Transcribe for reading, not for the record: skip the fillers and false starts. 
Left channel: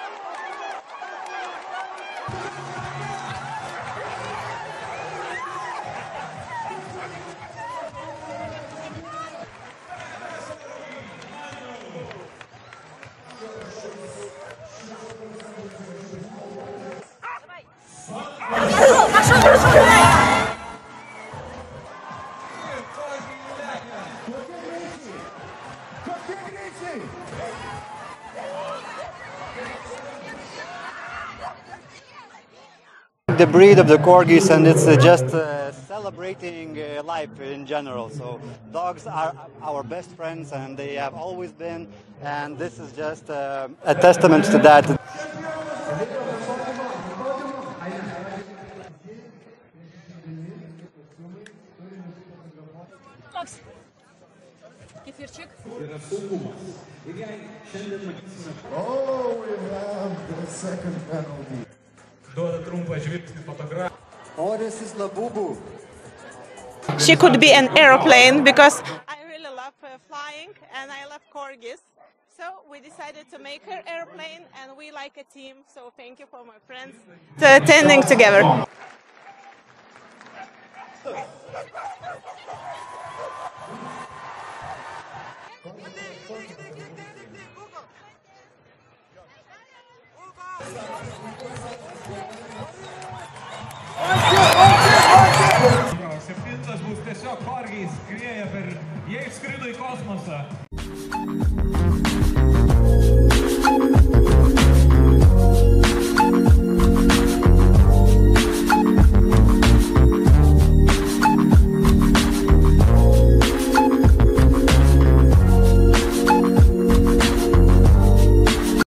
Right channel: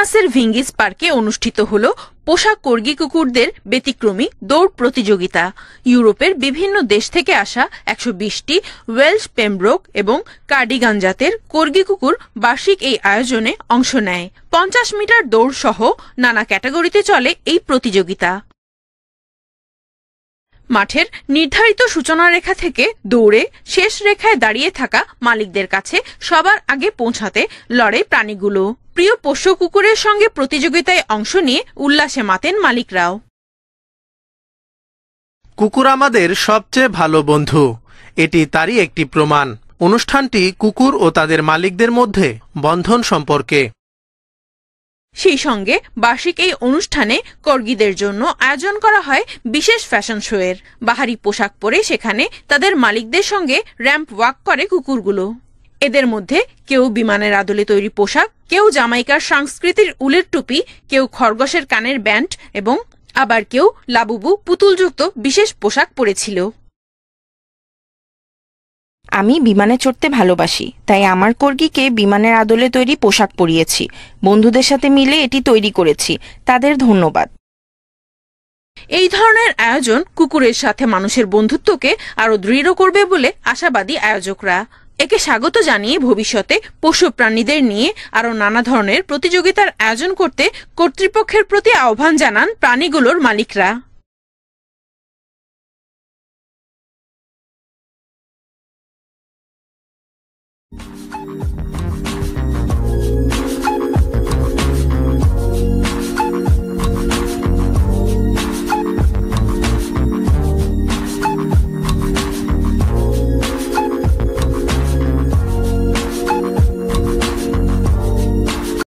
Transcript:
ভিনিয়াসের ভিঙ্গিস পার্কে অনুষ্ঠিত হল পোষা কর্গি কুকুরদের ব্যতিক্রমী দৌড় প্রতিযোগিতা। ইউরোপের বিভিন্ন দেশ থেকে আসা 120টি ওয়েলশ পেমব্রোক এবং কার্ডিগান জাতের কর্গি কুকুর বার্ষিক এই আয়োজনে অংশ নেয়। 50 মিটার দৌড় সহ নানা ক্যাটাগরিতে চলে এই প্রতিযোগিতা। মাঠের নির্ধারিত সূচনা রেখা থেকে দৌড়ে শেষ রেখায় দাঁড়িয়ে থাকা মালিকদের কাছে সবার আগে পৌঁছাতে লড়ে প্রাণীগুলো। প্রিয় পোষ্য কুকুরের সঙ্গে প্রতিযোগিতায় অংশ নিয়ে উল্লাসে মাতেন মালিকরাও। কুকুর আমাদের সবচেয়ে ভালো বন্ধু, এটি তারই একটি প্রমাণ। অনুষ্ঠানটি কুকুর ও তাদের মালিকদের মধ্যে বন্ধন সম্পর্কে। সেই সঙ্গে বার্ষিক এই অনুষ্ঠানে কর্গিদের জন্য আয়োজন করা হয় বিশেষ ফ্যাশন শো এর। বাহারি পোশাক পরে সেখানে তাদের মালিকদের সঙ্গে র্যাম্প ওয়াক করে কুকুরগুলো। এদের মধ্যে কেউ বিমানের আদলে তৈরি পোশাক, কেউ জামাইকার সংস্কৃতির উলের টুপি, কেউ খরগোশের কানের ব্যান্ড এবং আবার কেউ লাবুবু পুতুলযুক্ত বিশেষ পোশাক পরেছিল। আমি বিমানে চড়তে ভালোবাসি, তাই আমার কর্গিকে বিমানের আদলে তৈরি পোশাক পরিয়েছি। বন্ধুদের সাথে মিলে এটি তৈরি করেছি, তাদের ধন্যবাদ। এই ধরনের আয়োজন কুকুরের সাথে মানুষের বন্ধুত্বকে আরো দৃঢ় করবে বলে আশাবাদী আয়োজকরা। একে স্বাগত জানিয়ে ভবিষ্যতে পশু প্রাণীদের নিয়ে আরো নানা ধরনের প্রতিযোগিতার আয়োজন করতে কর্তৃপক্ষের প্রতি আহ্বান জানান প্রাণীগুলোর মালিকরা।